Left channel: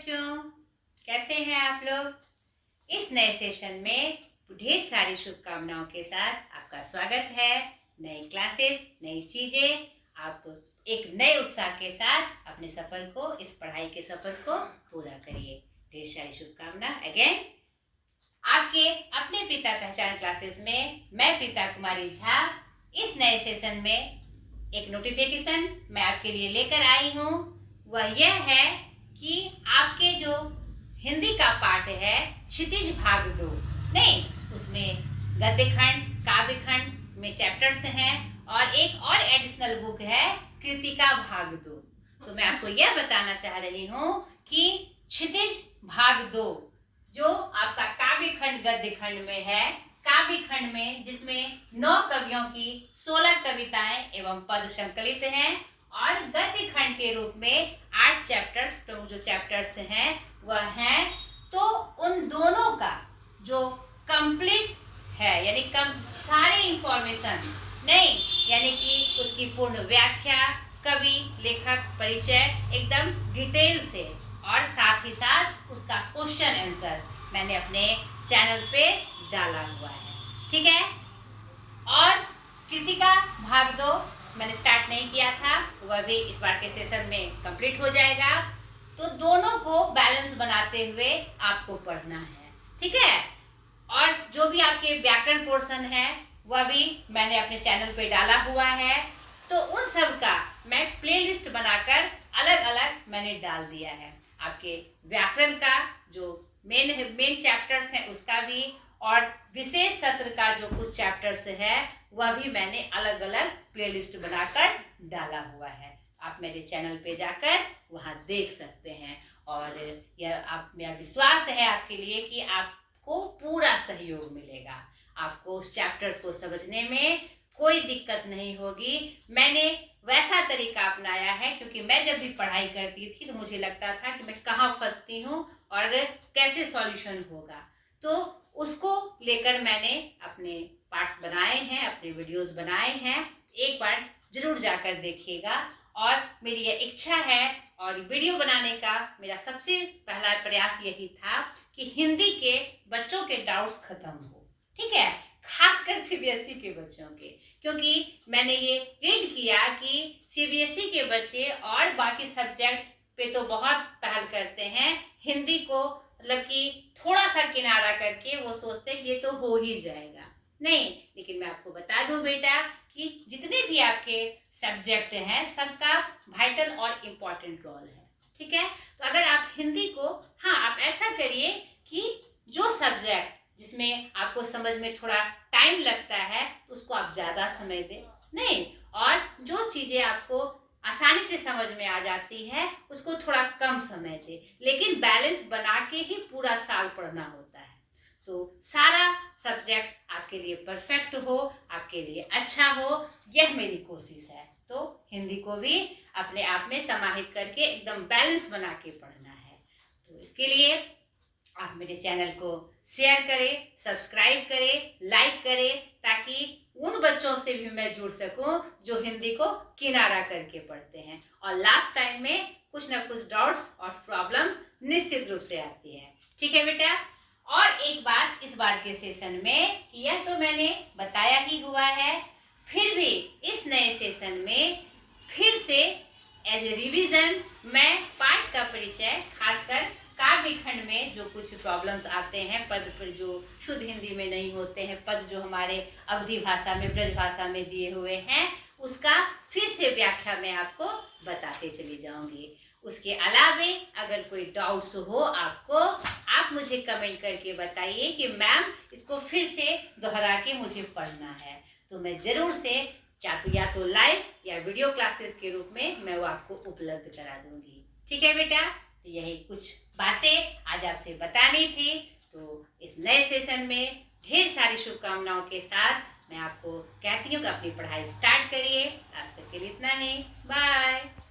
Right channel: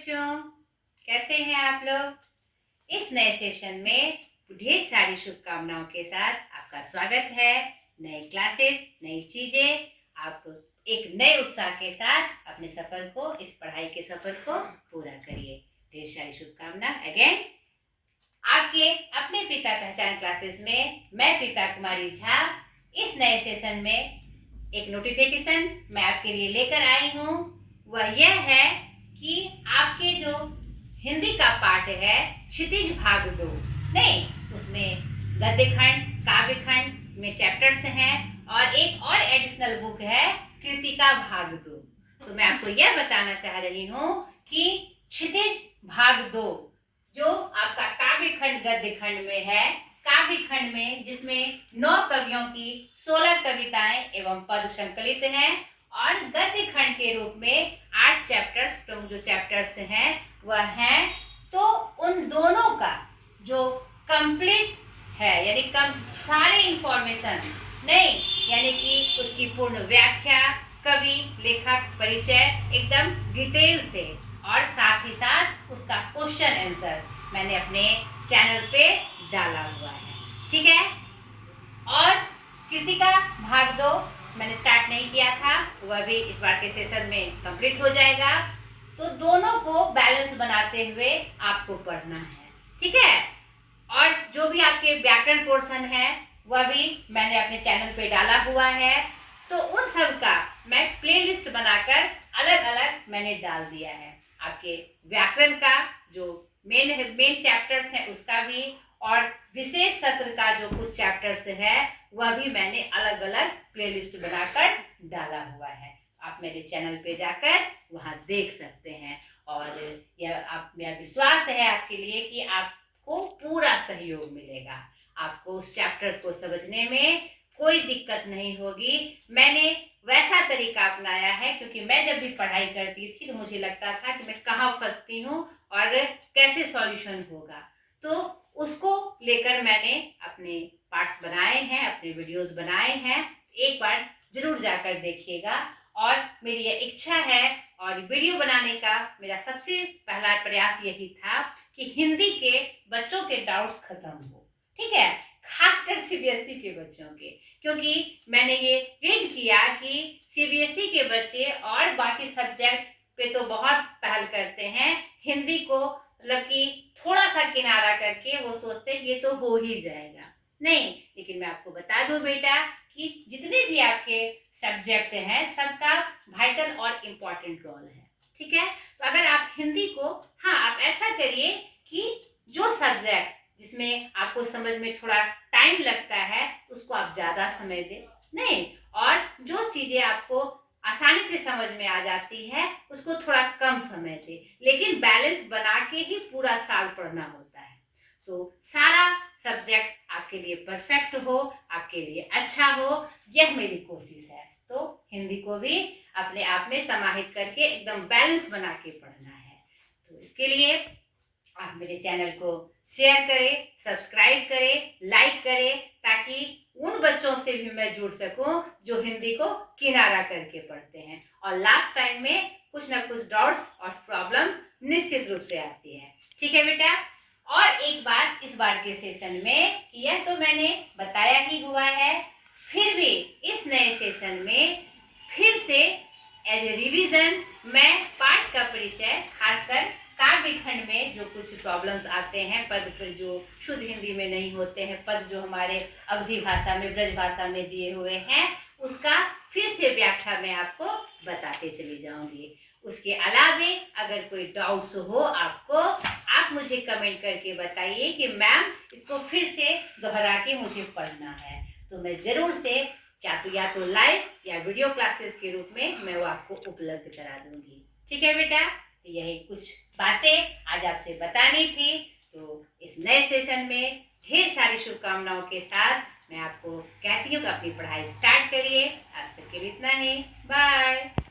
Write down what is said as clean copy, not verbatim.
बच्चों, कैसे हैं आप लोग। इस नए सेशन में ढेर सारी शुभकामनाओं के साथ आपका स्वागत है। नई क्लासेस, नई चीजें, आप एक नए उत्साह के साथ अपने सफर को, इस पढ़ाई के सफर को पूरा करिए। ढेर सारी शुभकामना अगेन। आपके अपने प्रीता पहचान क्लासेस में मैं प्रीता कुमारी झा इस नए सेशन में एक नोटिफिकेशन मैं आपके लिए लेकर आई हूँ। वह यह है कि आपके जो हिंदी का पाठ है क्षितिज भाग 2, नहीं उसमें गद्य खंड, काव्य खंड में चैप्टर्स हैं और एक और एडिशनल बुक है कृतिका भाग 2। तो मैं आपको यह बताना चाह रही हूँ कि क्षितिज भाग 2 जो आपका काव्य खंड गद्य खंड में है, काव्य खंड में जिसमें 9 कवियों की 16 कविताएं एवं पद संकलित हैं और गद्य खंड के रूप में 8 चैप्टर्स, प्रमुख जो चैप्टर्स हैं वह हैं। तो उन दोनों का जो कंप्लीट है यानी सारे इंफॉर्मेशन नहीं, यानी कि उसकी पूर्ण व्याख्या, कवि लेखक परिचय एकदम डिटेल से और साथ ही साथ उसका क्वेश्चन आंसर मैंने अपने चैनल पे डाला हुआ है, ठीक है। और कृतिका भाग 2 मैंने स्टार्ट नहीं किया था, वह भी इस बार के सेशन में कंप्लीट हो जाएगा। तो दोनों को बैलेंस बनाते हुए आपको पढ़ना है, ठीक है। और जो भी आपके व्याकरण पोर्शन है वह भी मैंने अपने चैनल पे डाला हुआ है। तो उन सब का मैं प्लेलिस्ट बनाकर अलग अलग मैंने डाल दिया है। आपके व्याकरण का जो मेन चैप्टर्स हैं उसका भी, और विशेष सत्र का जो कुछ चैप्टर्स है वह भी मैंने अलग अलग प्लेलिस्ट बनाकर डाला हुआ है। आप मेरे चैनल पे जाकर वहां देख सकते हैं। और यह विश्वास है आपके लिए कि आपको पूरा सहयोग मिलेगा, आपको उस चैप्टर्स को समझने में कोई दिक्कत नहीं होगी। मैंने वैसा तरीका अपनाया है क्योंकि मैं जब भी पढ़ाई करती थी तो मुझे लगता था कि मैं कहाँ फंसती हूँ और कैसे सॉल्यूशन होगा। तो उसको लेकर मैंने अपने पार्ट्स बनाए हैं, अपने वीडियोस बनाए हैं। एक बार जरूर जाकर देखिएगा। और मेरी यह इच्छा है और वीडियो बनाने का मेरा सबसे पहला प्रयास यही था कि हिंदी के बच्चों के डाउट्स खत्म हो, ठीक है, खासकर सीबीएसई के बच्चों के। क्योंकि मैंने ये रीड किया कि सीबीएसई के बच्चे और बाकी सब्जेक्ट पे तो बहुत पहल करते हैं, हिंदी को मतलब कि थोड़ा सा किनारा करके वो सोचते हैं ये तो हो ही जाएगा। नहीं, लेकिन मैं आपको बता दूं बेटा कि जितने भी आपके सब्जेक्ट हैं सबका वाइटल और इम्पोर्टेंट रोल है, ठीक है। तो अगर आप हिंदी को, हाँ आप ऐसा करिए कि जो सब्जेक्ट जिसमें आपको समझ में थोड़ा टाइम लगता है उसको आप ज़्यादा समय दें, नहीं, और जो चीज़ें आपको आसानी से समझ में आ जाती है उसको थोड़ा कम समय दे, लेकिन बैलेंस बना के ही पूरा साल पढ़ना होता है। तो सारा सब्जेक्ट आपके लिए परफेक्ट हो, आपके लिए अच्छा हो, यह मेरी कोशिश है। तो हिंदी को भी अपने आप में समाहित करके एकदम बैलेंस बना के पढ़ना है। तो इसके लिए आप मेरे चैनल को शेयर करें, सब्सक्राइब करें, लाइक करें, ताकि उन बच्चों से भी मैं जुड़ सकूं जो हिंदी को किनारा करके पढ़ते हैं और लास्ट टाइम में कुछ ना कुछ डाउट्स और प्रॉब्लम निश्चित रूप से आती है, ठीक है बेटा। और एक बात इस बार के सेशन में, यह तो मैंने बताया ही हुआ है, फिर भी इस नए सेशन में फिर से एज ए रिविजन मैं पाठ का परिचय, खासकर काव्य खंड में जो कुछ प्रॉब्लम्स आते हैं, पद पर जो शुद्ध हिंदी में नहीं होते हैं, पद जो हमारे अवधी भाषा में, ब्रज भाषा में दिए हुए हैं, उसका फिर से व्याख्या मैं आपको बताते चली जाऊंगी। उसके अलावे अगर कोई डाउट्स हो आपको, आप मुझे कमेंट करके बताइए कि मैम इसको फिर से दोहरा के मुझे पढ़ना है, तो मैं जरूर से या तो लाइव या वीडियो क्लासेस के रूप में मैं वो आपको उपलब्ध करा दूंगी, ठीक है बेटा। तो यही कुछ बातें आज आपसे बतानी थी। तो इस नए सेशन में ढेर सारी शुभकामनाओं के साथ मैं आपको कहती हूँ कि अपनी पढ़ाई स्टार्ट करिए। आज तक के लिए इतना ही, बाय।